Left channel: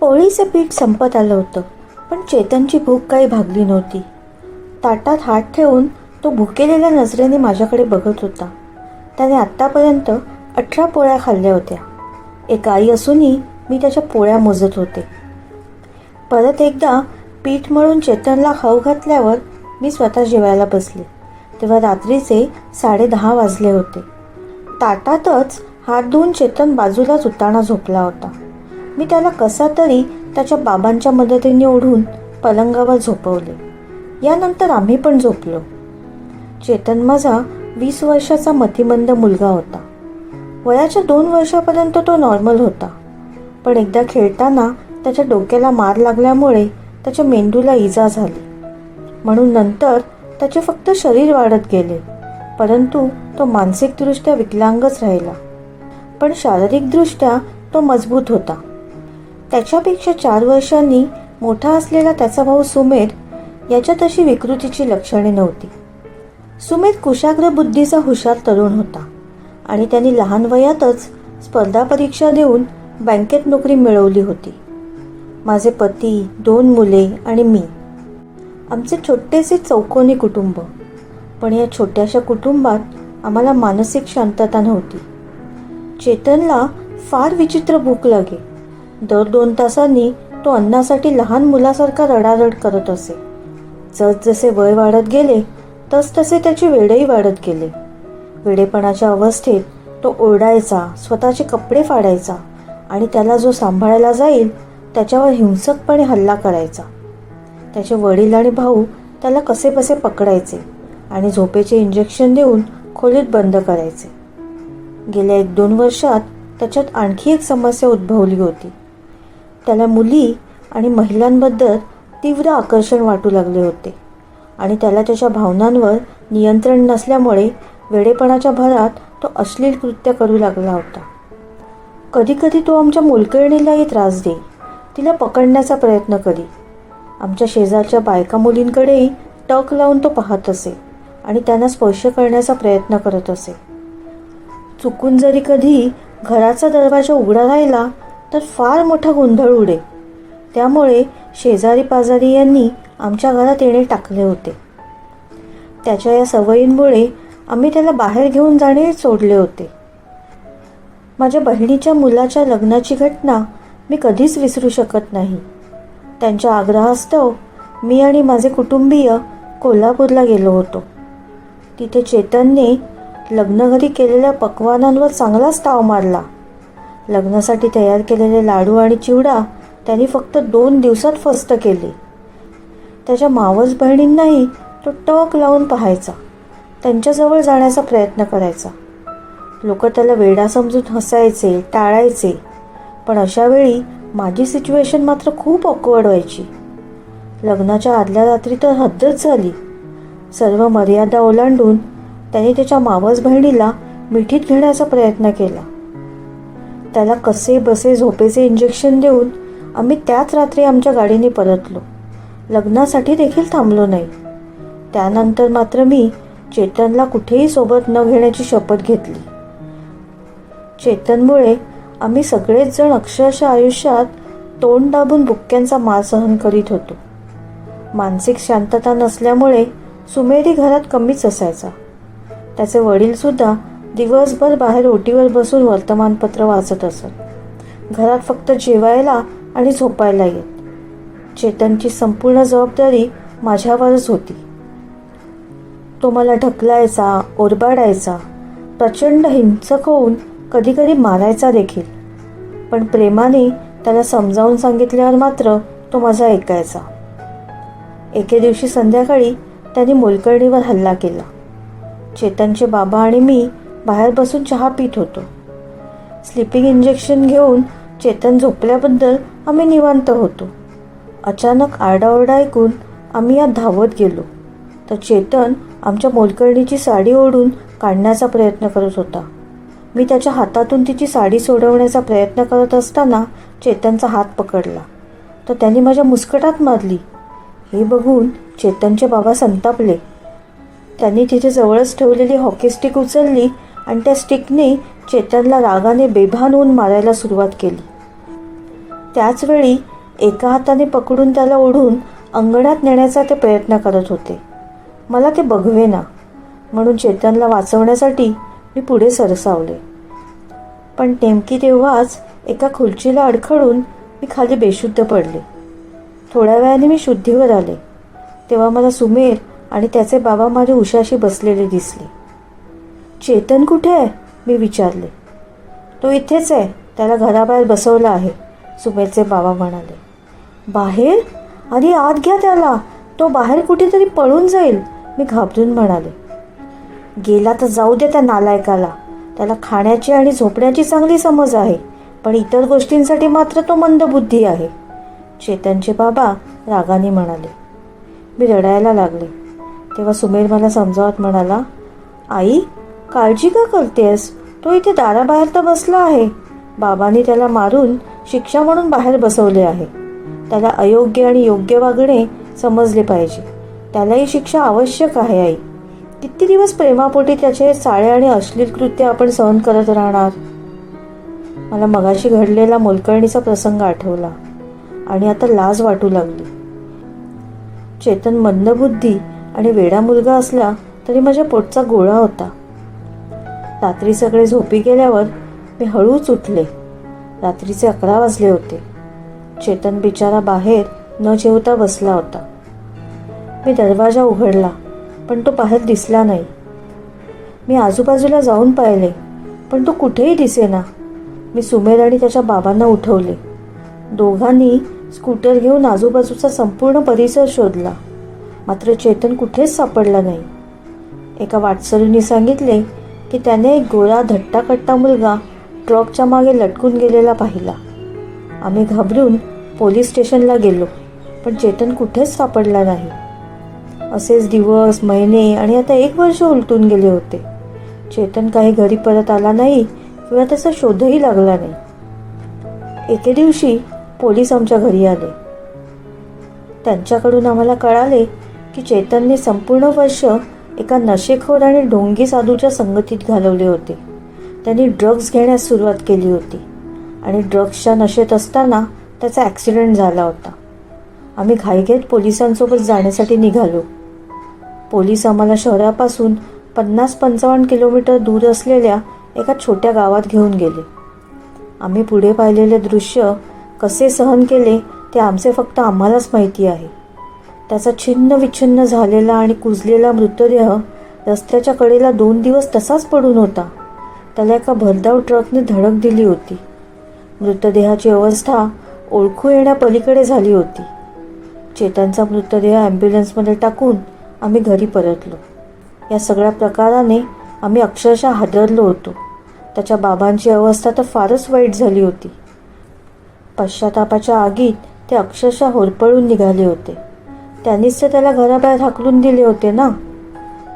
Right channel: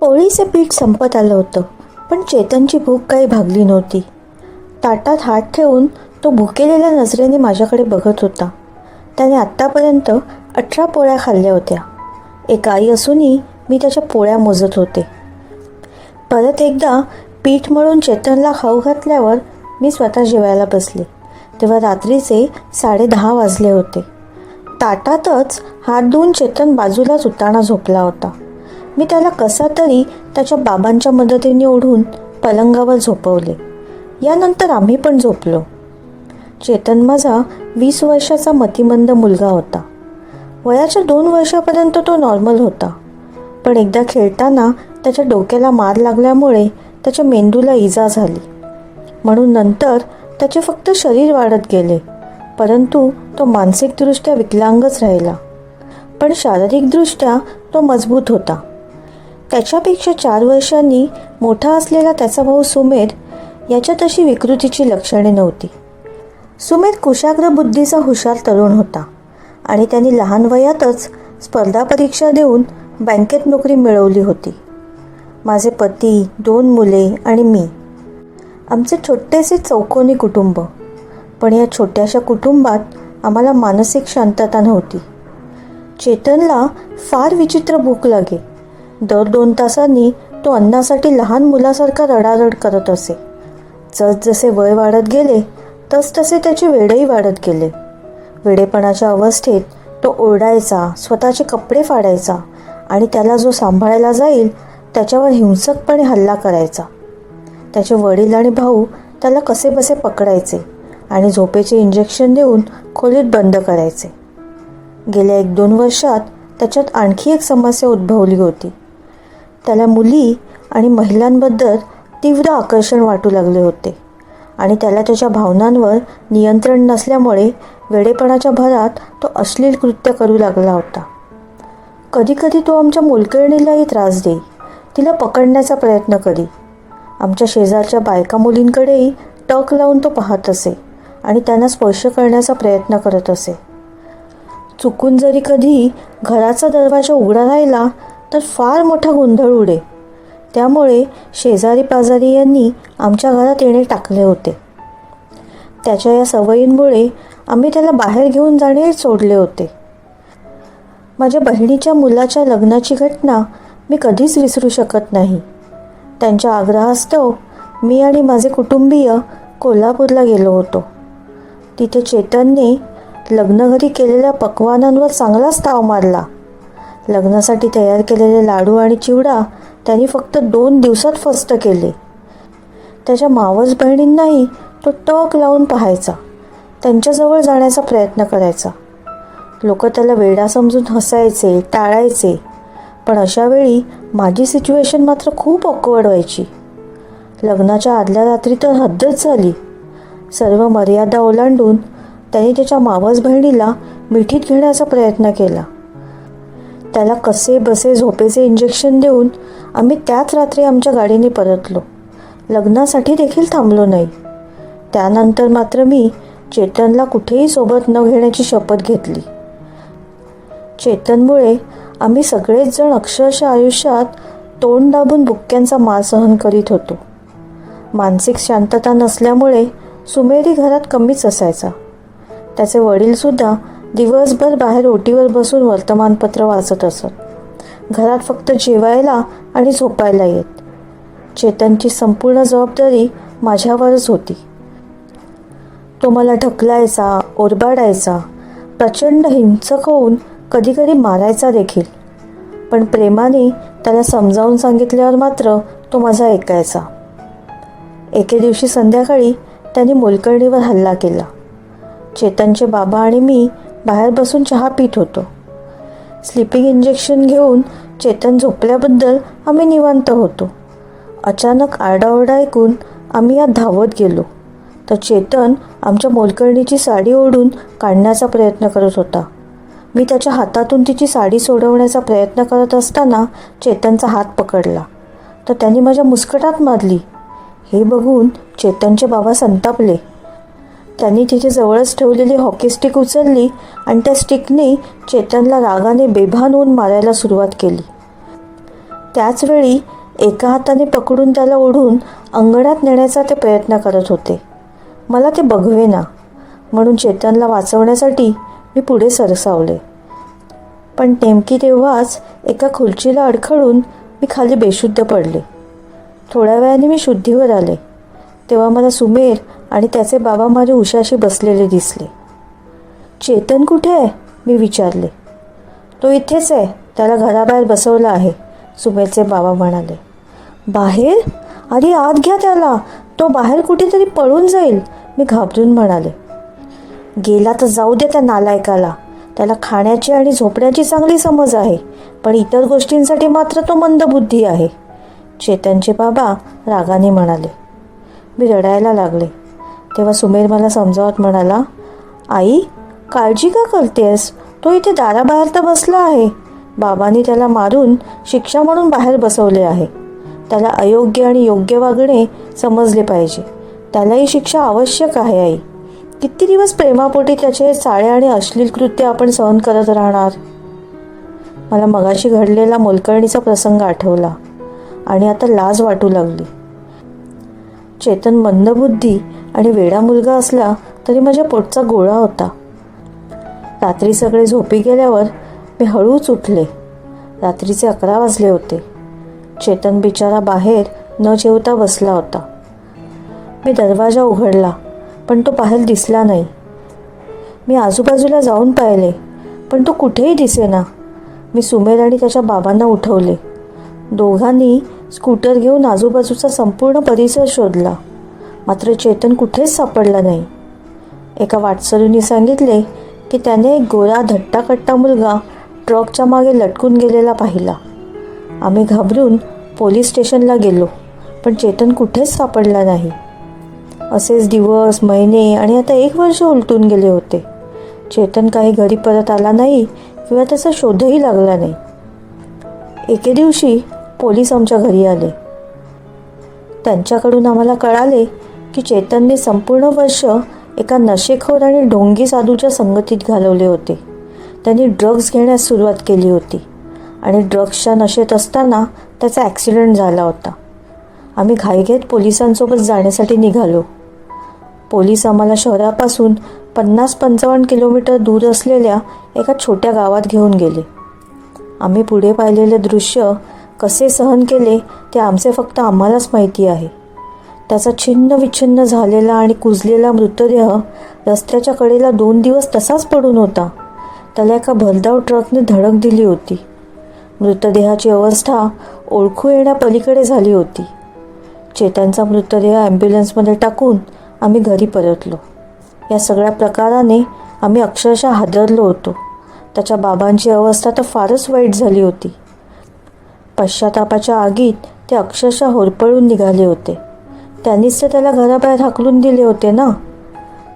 पोळीचे पीठ संपत आलं होतं, पण चेतनची भूक काही भागली नव्हती. ताटात हात ठेवून तो भुकेलेल्या नजरेने माझ्याकडे बघत होता. त्याने आत्तापर्यंत 18 पोळ्या खाल्ल्या होत्या. एक आई असूनही मी त्याच्या पोळ्या मोजत होते. परत एकदा पीठ मळून चेतनला खाऊ घातल्यावर मी स्वतः जेवायला बसले, तेव्हा रात्रीचे 10:30 वाजले होते. ताटातच हात धुवून चेतन बाजूलाच उताना झोपला होता. मी त्याला कसा तरी त्याच्या बाबांच्या मदतीने ओढून पलंगावर झोपवले. यानंतर आम्ही पण झोपलो. चेतन माझा 20 वर्षाचा मतिमंद मुलगा होता. वयाच्या 2 वर्षापर्यंत तो नॉर्मल होता, पण एकदा खेळताना त्याच्या डोक्याला मार लागल्यामुळे त्याच्या मेंदूला इजा झाली. म्हणून नंतर त्याचे फक्त शरीर वाढत गेले, परंतु तो मानसिकदृष्ट्या विकलांगच राहिला. पण शारीरिकदृष्ट्या तो मजबूत होता. त्याच्यापेक्षा 4 वर्षांनी मोठा असलेला त्याचा भाऊ सुमेर याच्यात अशी विकृतीची लक्षणे नव्हती. सुमेर कुशाग्र बुद्धीचा हुशार तरुण होता आणि त्यांनी लहान वयातच स्पर्धा परीक्षा देऊन बँकेत नोकरी मिळवली होती. माझे पती, 2 मुले आणि मी, आमचे छोटेसे चौकोनी कुटुंब. पण या छोट्याशा कुटुंबात आम्हाला मानसिक शांतता नव्हती. चेतनला फार विचित्र भूक लागे. दर 2 तासांनी तो अन्नासाठी लहान मुलासारखा रडारड करत असे. जसजसे वय वाढत गेले तसतसे त्याचे वेडही वाढत गेले. वेडेपणाच्या अवस्थेत तो ओरडायचा, स्वतःचे कपडे फाडायचा आणि त्याला जो सांभाळायला जाईल त्याच्यावर हिंसकपणे हल्ला करायचा. त्याचे वडील आणि भाऊ त्याला कसेबसे पकडायचे आणि झोपेचे इंजेक्शन देऊन खोलीत बंद करायचे. गेल्या 1-2 वर्षात त्याच्यात आणखी एक समस्या उद्भवली होती. त्याला मुली आणि महिलांबद्दल तीव्र आकर्षण वाटू लागले होते आणि त्याला त्याच्या भावनांवर नियंत्रण नसल्यामुळे वेडेपणाच्या भरात तो अश्लील कृत्य करू लागला होता. कधीकधी तो आमच्या मोलकरणीलाही त्रास देई, तिला पकडण्याचा प्रयत्न करी. आमच्या शेजारच्या बायका मुलींकडेही टक लावून तो पाहत असे आणि त्यांना स्पर्श करण्याचा प्रयत्न करत असे. चुकून जरी कधी घराचा दरवाजा उघडा राहिला तर फार मोठा गोंधळ उडे. त्यामुळे शेजारी पाजारी यांनी आमच्या घरात येणे टाकले होते. त्याच्या या सवयींमुळे आम्ही त्याला बाहेर घेऊन जाणे सोडले होते. माझ्या बहिणीच्या मुलाच्या लग्नाची घटना मी कधीच विसरू शकत नाही. त्यांच्या आग्रहास्तव मी आणि माझे कुटुंबीय कोल्हापूरला गेलो होतो. तिथे चेतनने लग्नघरी केलेल्या पक्वानांवर चांगलाच ताव मारला. लग्नासाठी तयार केलेले लाडू आणि चिवडा त्यांनी फक्त 2 दिवसात फस्त केले. त्याच्या मावस बहिणींनाही तो टक लावून पाहायचा, त्यांच्याजवळ जाण्याचा प्रयत्न करायचा. लोक त्याला वेडा समजून हसायचे, टाळायचे. पण अशावेळी माझी सिच्युएशन मात्र खूप ऑकवर्ड व्हायची. लग्नाच्या आदल्या रात्री तर हद्दच झाली. सर्व मर्यादा ओलांडून त्याने त्याच्या मावस बहिणीला मिठीत घेण्याचा प्रयत्न केला. त्याला कसे बसे झोपेचे इंजेक्शन देऊन आम्ही त्याच रात्री आमच्या गाडीने परतलो. लग्नासाठी देखील थांबलो नाही. त्यानंतर मात्र मी चेतनला कुठेही सोबत न घेण्याची शपथ घेतली. चेतनमुळे आम्ही सगळेच जण अक्षरशः आयुष्यात तोंड दाबून बुक्क्यांचा मार सहन करीत होतो. मानसिक शांतता नसल्यामुळे सुमेरी घरात कमीच असायचा. त्याचे वडीलसुद्धा दिवसभर बाहेर ओटीवर बसून वर्तमानपत्र वाचत असत. घरात फक्त जेवायला आणि झोपायला येत. चेतनची संपूर्ण जबाबदारी माझ्यावरच होती. तो मला ढकलायचा, ओरबाडायचा, प्रचंड हिंसक होऊन कधीकधी मारायचा देखील. पण प्रेमाने त्याला समजावून सांगितल्यावर मात्र तो माझा ऐकायचा. एके दिवशी संध्याकाळी त्याने मोलकरणीवर हल्ला केला. चेतनचे बाबा आणि मी बाहेर बसून चहा पित होतो. स्लीपिंग इंजेक्शन घेऊन चेतन झोपल्याबद्दल आम्ही निवांत होतो. अचानक आरडाओरडा ऐकून आम्ही यात धावत गेलो तर चेतन आमच्या मोलकरणीची साडी ओढून काढण्याचा प्रयत्न करत होता. मी त्याच्या हातातून तिची साडी सोडवण्याचा प्रयत्न करत असताना चेतनचा हात पकडला तर त्यांनी माझ्या मुस्कटात मारली. हे बघून चेतनचे बाबा संतापले. त्यांनी तिथे जवळच ठेवलेली हॉकी स्टिक उचलली आणि त्या स्टिकने चेतनला रागाने बेभान होऊन मारायला सुरुवात केली. त्याचवेळी एका हाताने पकडून त्याला ओढून अंगणात नेण्याचा ते प्रयत्न करत होते. मला ते बघवेना, म्हणून चेतनला वाचवण्यासाठी मी पुढे सरसावले. पण नेमकी तेव्हाच एका खुर्चीला अडखळून मी खाली बेशुद्ध पडले. थोड्या वेळाने मी शुद्धीवर आले. तेव्हा मला सुमेर आणि त्याचे बाबा माझ्या उशाशी बसलेले दिसले. चेतन कुठे आहे, मी विचारले. तो इथेच आहे, त्याला घराबाहेर बसवलं आहे, सुमेरचे बाबा म्हणाले. बाहेर? अरे आत घ्या त्याला, तो बाहेर कुठेतरी पळून जाईल, मी घाबरून म्हणाले. गेला तर जाऊ दे त्या नालायकाला, त्याला खाण्याची आणि झोपण्याची चांगली समज आहे, पण इतर गोष्टींसाठी मात्र तो मंदबुद्धी आहे, चेतनचे बाबा रागाने म्हणाले. मी रडायला लागले. तेव्हा सुमेर मला समजावत म्हणाला, आई काळजी का करतेस, तो इथे दाराबाहेर तर बसला आहे. बाबांनी त्याला मारून शिक्षा म्हणून बाहेर बसवले आहे. त्याला अयोग्य आणि योग्य वागणे समजले पाहिजे. त्यालाही शिक्षा आवश्यक आहे. आई, किती दिवस प्रेमापोटी त्याचे चाळे आणि अश्लील कृत्य आपण सहन करत राहणार. मला मगाशी घडलेला मोलकरणीचा प्रसंग आठवला आणि आता लाज वाटू लागली. चेतन मंदबुद्धी आणि वेडा मुलगा असला तरी माझ्या पोटचा गोळा होता. रात्री सगळे झोपी गेल्यावर मी हळूच उठले. रात्रीचे 11 वाजले होते. चेतन बिचारा बाहेर न जेवता बसला होता. मी दरवाजा उघडला, पण तो बाहेर दिसला नाही. मी आजूबाजूला जाऊन पाहिले, पण तो कुठेही दिसेना. मी सुमेर आणि त्याच्या बाबांना उठवले. दोघांनी स्कूटर घेऊन आजूबाजूचा संपूर्ण परिसर शोधला, मात्र चेतन कुठेच सापडला नाही. एका वाटसरूंनी सांगितले की त्याने एक गोरा धट्टाकट्टा मुलगा ट्रकच्या मागे लटकून गेलेला पाहिला. आम्ही घाबरून पोलीस स्टेशनला गेलो, पण चेतन कुठेच सापडला नाही. असेच दिवस, महिने आणि आता 1 वर्ष उलटून गेले होते. चेतन काही घरी परत आला नाही किंवा त्याचा शोधही लागला नाही. एके दिवशी पोलीस आमच्या घरी आले. त्यांच्याकडून आम्हाला कळाले की चेतनने संपूर्ण वर्ष एका नशेखोर आणि ढोंगी साधूच्या संगतीत घालवले होते. त्यांनी ड्रग्ज घेण्यास सुरुवात केली होती आणि ड्रग्सच्या नशेत असताना त्याचा ॲक्सिडेंट झाला होता. आम्ही घाईघाईत पोलिसांसोबत जाण्यासाठी निघालो. पोलीस आम्हाला शहरापासून 50-55 किलोमीटर दूर असलेल्या एका छोट्या गावात घेऊन गेले. आम्ही पुढे पाहिलेले दृश्य कसे सहन केले ते आमचे फक्त आम्हालाच माहिती आहे. त्याचा छिन्न विच्छिन्न झालेला आणि कुजलेला मृतदेह रस्त्याच्या कडेला 2 दिवस तसाच पडून होता. त्याला एका भरधाव ट्रकने धडक दिली होती. मृतदेहाची अवस्था ओळखू येण्यापलीकडे झाली होती. चेतनचा मृतदेह ॲम्ब्युलन्समध्ये टाकून आम्ही घरी परतलो. या सगळ्या प्रकाराने आम्ही अक्षरशः हादरलो होतो. त्याच्या बाबांची अवस्था तर फारच वाईट झाली होती. पश्चातापाच्या आगीत ते अक्षरशः होरपळून निघाले होते. त्यांनीच तर त्याला घराबाहेर हाकलून दिले होते ना.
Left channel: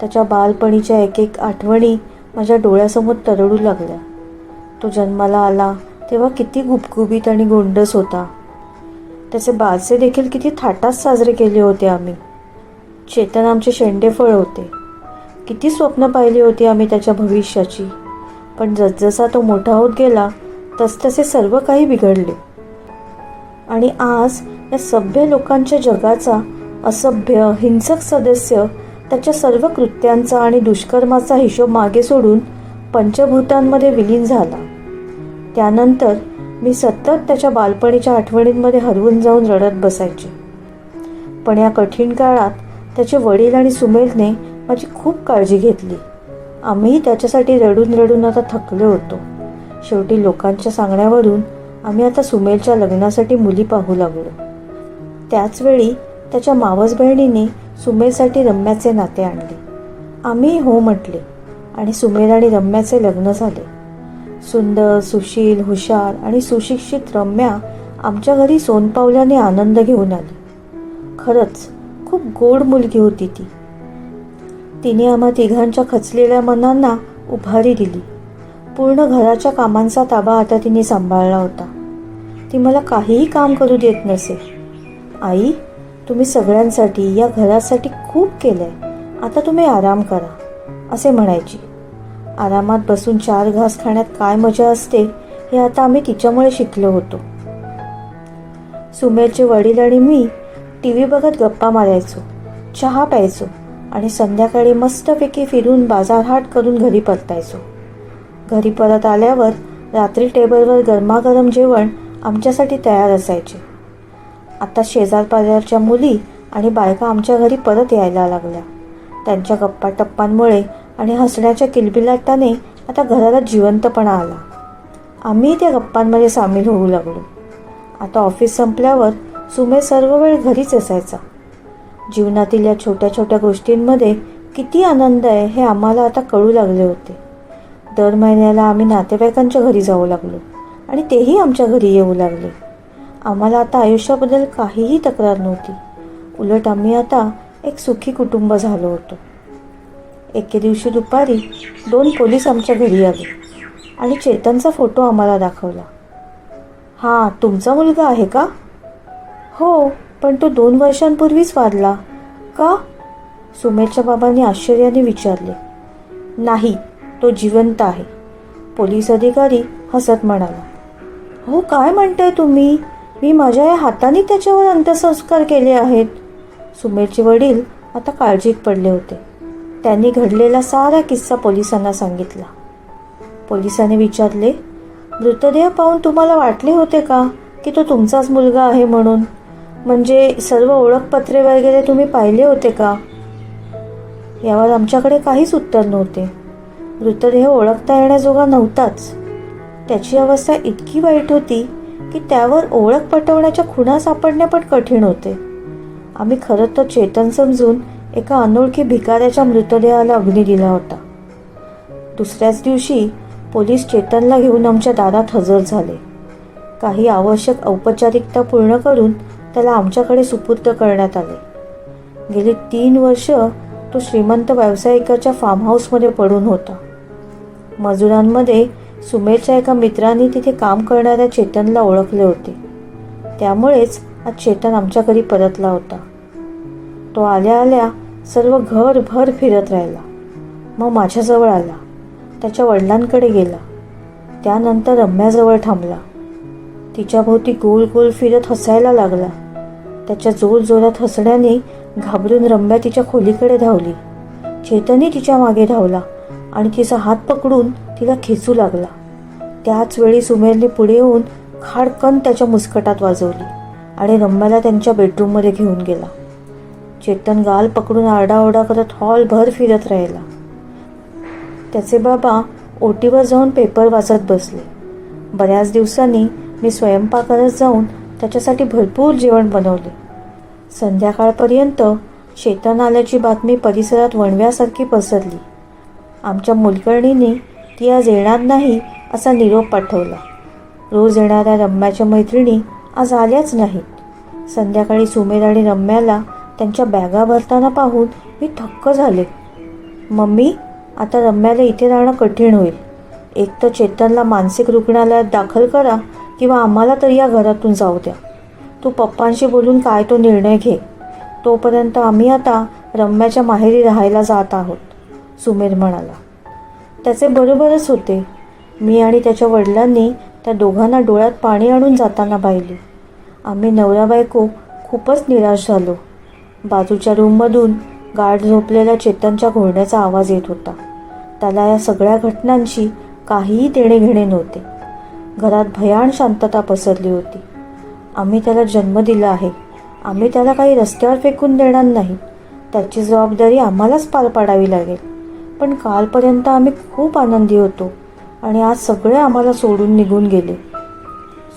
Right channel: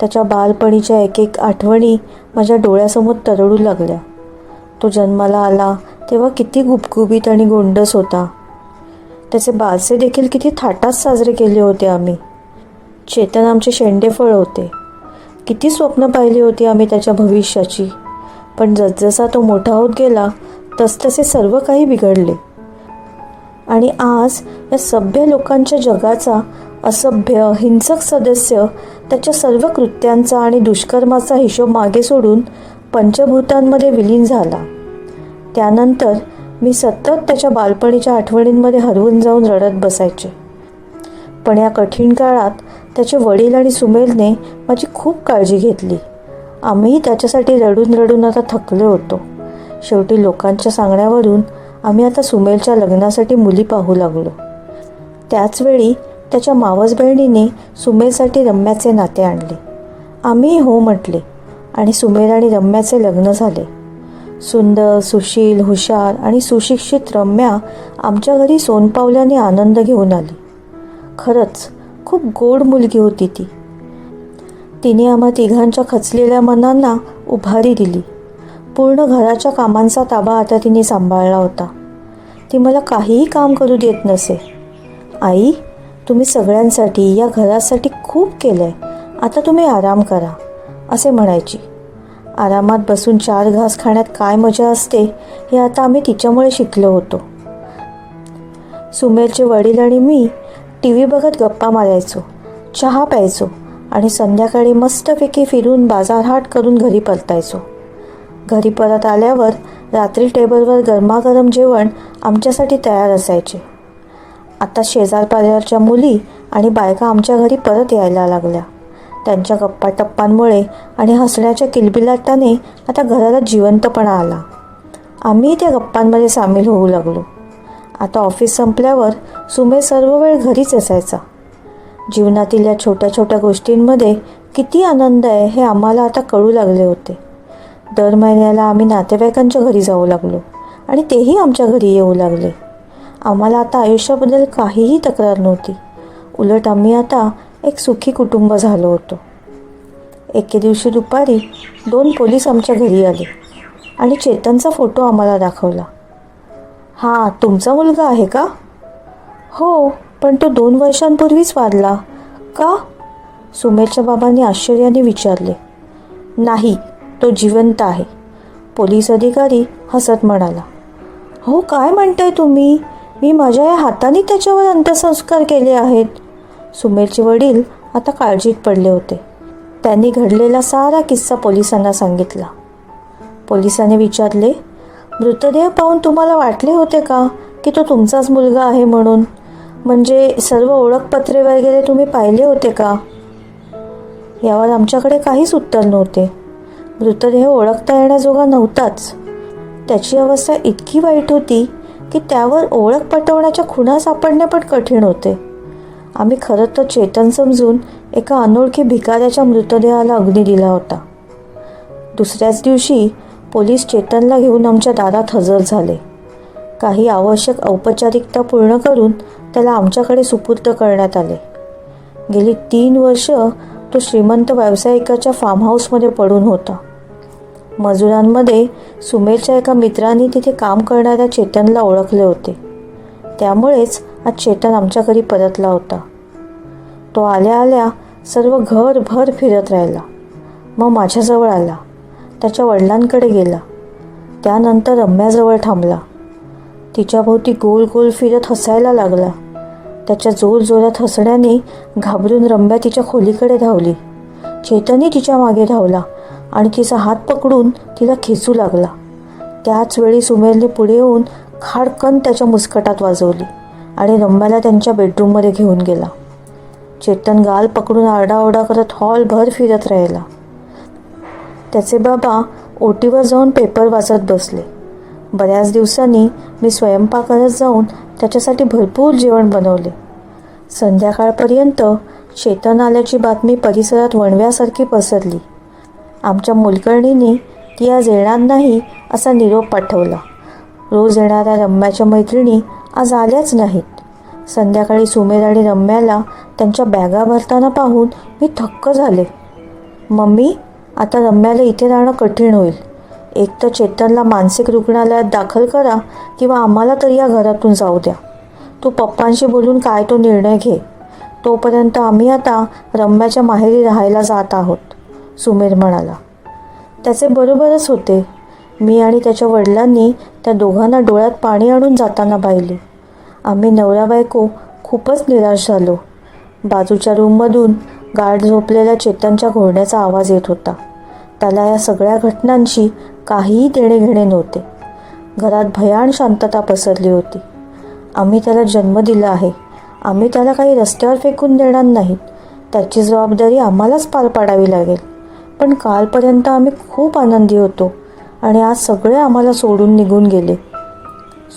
त्याच्या बालपणीच्या एक आठवणी माझ्या डोळ्यासमोर तरळू लागल्या. तो जन्माला आला तेव्हा किती गुबगुबीत आणि गोंडस होता. त्याचे बारसे देखील किती थाटात साजरे केले होते आम्ही. चेतन आमचे शेंडेफळ होते. किती स्वप्न पाहिली होती आम्ही त्याच्या भविष्याची. पण जसजसा तो मोठा होत गेला तसतसे सर्व काही बिघडले. आणि आज या सभ्य लोकांच्या जगाचा असभ्य हिंसक सदस्य त्याच्या सर्व कृत्यांचा आणि दुष्कर्माचा हिशोब मागे सोडून पंचभूतांमध्ये विलीन झाला. त्यानंतर मी सतत त्याच्या बालपणीच्या आठवणींमध्ये हरवून जाऊन रडत बसायचे. पण या कठीण काळात त्याचे वडील आणि सुमेरने माझी खूप काळजी घेतली. आम्हीही त्याच्यासाठी रडून रडून आता थकलो होतो. शेवटी लोकांच्या सांगण्यावरून आम्ही आता सुमेरच्या लग्नासाठी मुली पाहू लागलो. त्याचवेळी त्याच्या मावस बहिणीने सुमेरसाठी रम्याचे नाते आणले. आम्ही हो म्हटले आणि सुमेर आणि रम्याचे लग्न झाले. सुंदर, सुशील, हुशार आणि सुशिक्षित रम्या आमच्या घरी सोनपावल्याने आनंद घेऊन आली. खरंच खूप गोड मुलगी होती ती. तिने आम्हा तिघांच्या खचलेल्या मनांना उभारी दिली. पूर्ण घराच्या कामांचा ताबा आता तिने सांभाळला होता. ती मला काहीही काम करू देत नसे. आई, तुम्ही सगळ्यांसाठी या घरासाठी खूप केलं आहे, आता तुम्ही आराम करा असे म्हणायची. आरामात बसून 4 घास खाण्यात काय मजा असते हे आता आम्ही तिच्यामुळे शिकलो होतो. सुमेरचे वडील आणि मी टी व्ही बघत गप्पा मारायचो, चहा प्यायचो आणि संध्याकाळी मस्तपैकी फिरून बाजारहाट करून घरी परतायचो. घरी परत आल्यावर रात्री टेबलवर गरमागरम जेवण आमच्यासाठी तयार असायचे. आता शेजारपाजारच्या मुली आणि बायका आमच्या घरी परत यायला लागल्या. त्यांच्या गप्पा टप्पांमुळे आणि हसण्याच्या किलबिलाटाने आता घराला जिवंतपणा आला. आम्ही त्या गप्पांमध्ये सामील होऊ लागलो. आता ऑफिस संपल्यावर सुमे सर्व वेळ घरीच असायचा. जीवनातील या छोट्या छोट्या गोष्टींमध्ये किती आनंद आहे हे आम्हाला आता कळू लागले होते. दर महिन्याला आम्ही नातेवाईकांच्या घरी जाऊ लागलो आणि तेही आमच्या घरी येऊ लागले. आम्हाला आता आयुष्याबद्दल काहीही तक्रार नव्हती. उलट आम्ही आता एक सुखी कुटुंब झालो होतो. एके दिवशी दुपारी 2 पोलीस आमच्या घरी आले आणि चेतनचा फोटो आम्हाला दाखवला. "हा तुमचा मुलगा आहे का?" "हो, पण तो 2 वर्षांपूर्वीच वारला." "का?" सुमेरच्या बाबांनी आश्चर्याने विचारले. "नाही, तो जिवंत आहे." पोलीस अधिकारी हसत म्हणाला. "हो, काय म्हणताय तुम्ही? मी माझ्या या हाताने त्याच्यावर अंत्यसंस्कार केले आहेत." सुमेरचे वडील आता काळजीत पडले होते. त्यांनी घडलेला सारा किस्सा पोलिसांना सांगितला. पोलिसांनी विचारले, "मृतदेह पाहून तुम्हाला वाटले होते का की तो तुमचाच मुलगा आहे म्हणून? म्हणजे सर्व ओळखपत्रे वगैरे तुम्ही पाहिले होते का?" यावर आमच्याकडे काहीच उत्तर नव्हते. मृतदेह ओळखता येण्याजोगा नव्हताच. त्याची अवस्था इतकी वाईट होती की त्यावर ओळख पटवण्याच्या खुणा सापडणे पण कठीण होते. आम्ही खरं तर चेतन समजून एका अनोळखी भिकाऱ्याच्या मृतदेहाला अग्नी दिला होता. दुसऱ्याच दिवशी पोलीस चेतनला घेऊन आमच्या दारात हजर झाले. काही आवश्यक औपचारिकता पूर्ण करून त्याला आमच्याकडे सुपूर्द करण्यात आले. गेली 3 वर्ष तो श्रीमंत व्यावसायिकाच्या फार्म हाऊसमध्ये पडून होता. मजुरांमध्ये सुमेरच्या एका मित्राने तिथे काम करणाऱ्या चेतनला ओळखले होते. त्यामुळेच आज चेतन आमच्या घरी परतला होता. तो आल्या आल्या सर्व घरभर फिरत राहिला. मग माझ्याजवळ आला. त्याच्या वडिलांकडे गेला. त्यानंतर रम्याजवळ थांबला. तिच्याभोवती गोल गोल फिरत हसायला लागला. त्याच्या जोरजोरात हसण्याने घाबरून रम्या तिच्या खोलीकडे धावली. चेतनही तिच्या मागे धावला आणि तिचा हात पकडून तिला खेचू लागला. त्याच वेळी सुमेरने पुढे येऊन खाडकन त्याच्या मुस्कटात वाजवली आणि रम्याला त्यांच्या बेडरूममध्ये घेऊन गेला. चेतन गाल पकडून आरडाओरडा करत हॉलभर फिरत राहिला. त्याचे बाबा ओटीवर जाऊन पेपर वाचत बसले. बऱ्याच दिवसांनी मी स्वयंपाकघरात जाऊन त्याच्यासाठी भरपूर जेवण बनवले. संध्याकाळपर्यंत चेतन आल्याची बातमी परिसरात वणव्यासारखी पसरली. आमच्या मोलकर्णीने ती आज येणार नाही असा निरोप पाठवला. रोज येणाऱ्या रम्याच्या मैत्रिणी आज आल्याच नाहीत. संध्याकाळी सुमेर आणि रम्याला त्यांच्या बॅगा भरताना पाहून मी थक्क झाले. "मम्मी, आता रम्याला इथे राहणं कठीण होईल. एक तर चेतनला मानसिक रुग्णालयात दाखल करा किंवा आम्हाला तरी या घरातून जाऊ द्या. तू पप्पांशी बोलून काय तो निर्णय घे. तोपर्यंत आम्ही आता रम्याच्या माहेरी राहायला जात आहोत," सुमेर म्हणाला. त्याचे बरोबरच होते. मी आणि त्याच्या वडिलांनी त्या दोघांना डोळ्यात पाणी आणून जाताना पाहिले. आम्ही नवरा बायको खूपच निराश झालो. बाजूच्या रूममधून गाढ झोपलेल्या चेतनच्या घोरण्याचा आवाज येत होता. त्याला या सगळ्या घटनांशी काहीही देणे घेणे नव्हते. घरात भयान शांतता पसरली होती. आम्ही त्याला जन्म दिला आहे. आम्ही त्याला काही रस्त्यावर फेकून देणार नाहीत. त्याची जबाबदारी आम्हालाच पार पाडावी लागेल. पण कालपर्यंत आम्ही खूप आनंदी होतो आणि आज सगळे आम्हाला सोडून निघून गेले.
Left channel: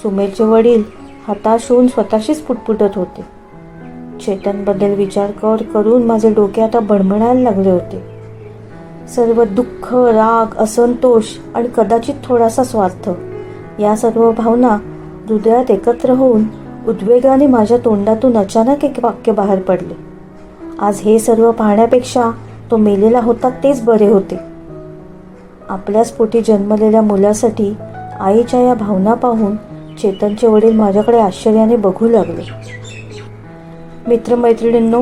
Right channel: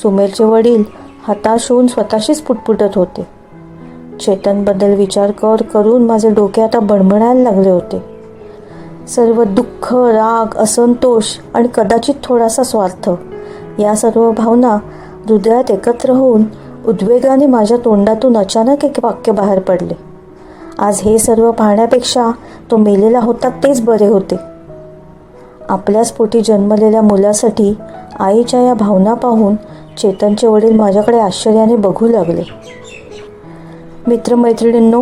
सुमेरचे वडील हताश होऊन स्वतःशीच पुटपुटत होते. चेतनबद्दल विचार करून माझे डोके आता बणबणायला लागले होते. सर्व दुःख, राग, असंतोष आणि कदाचित थोडासा स्वार्थ या सर्व भावना हृदयात एकत्र होऊन उद्वेगाने माझ्या तोंडातून अचानक एक वाक्य बाहेर पडले. आज हे सर्व पाहण्यापेक्षा तो मेलेला होता तेच बरे होते. आपल्याच पोटी जन्मलेल्या मुलासाठी आईच्या या भावना पाहून चेतनचे वडील माझ्याकडे आश्चर्याने बघू लागले. मित्रमैत्रिणींनो,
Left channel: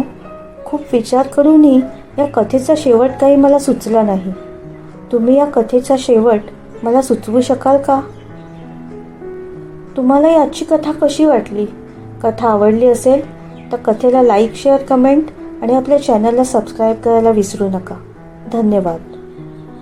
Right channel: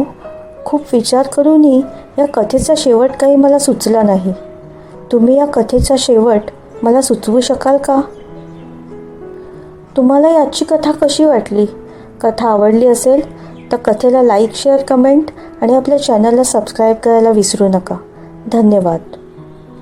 खूप विचार करूनही या कथेचा शेवट काही मला सुचला नाही. तुम्ही या कथेचा शेवट मला सुचवू शकाल का? तुम्हाला याची कथा कशी वाटली कथा आवडली असेल तर कथेला लाईक, शेअर, कमेंट आणि आपल्या चॅनलला सबस्क्राईब करायला विसरू नका. धन्यवाद.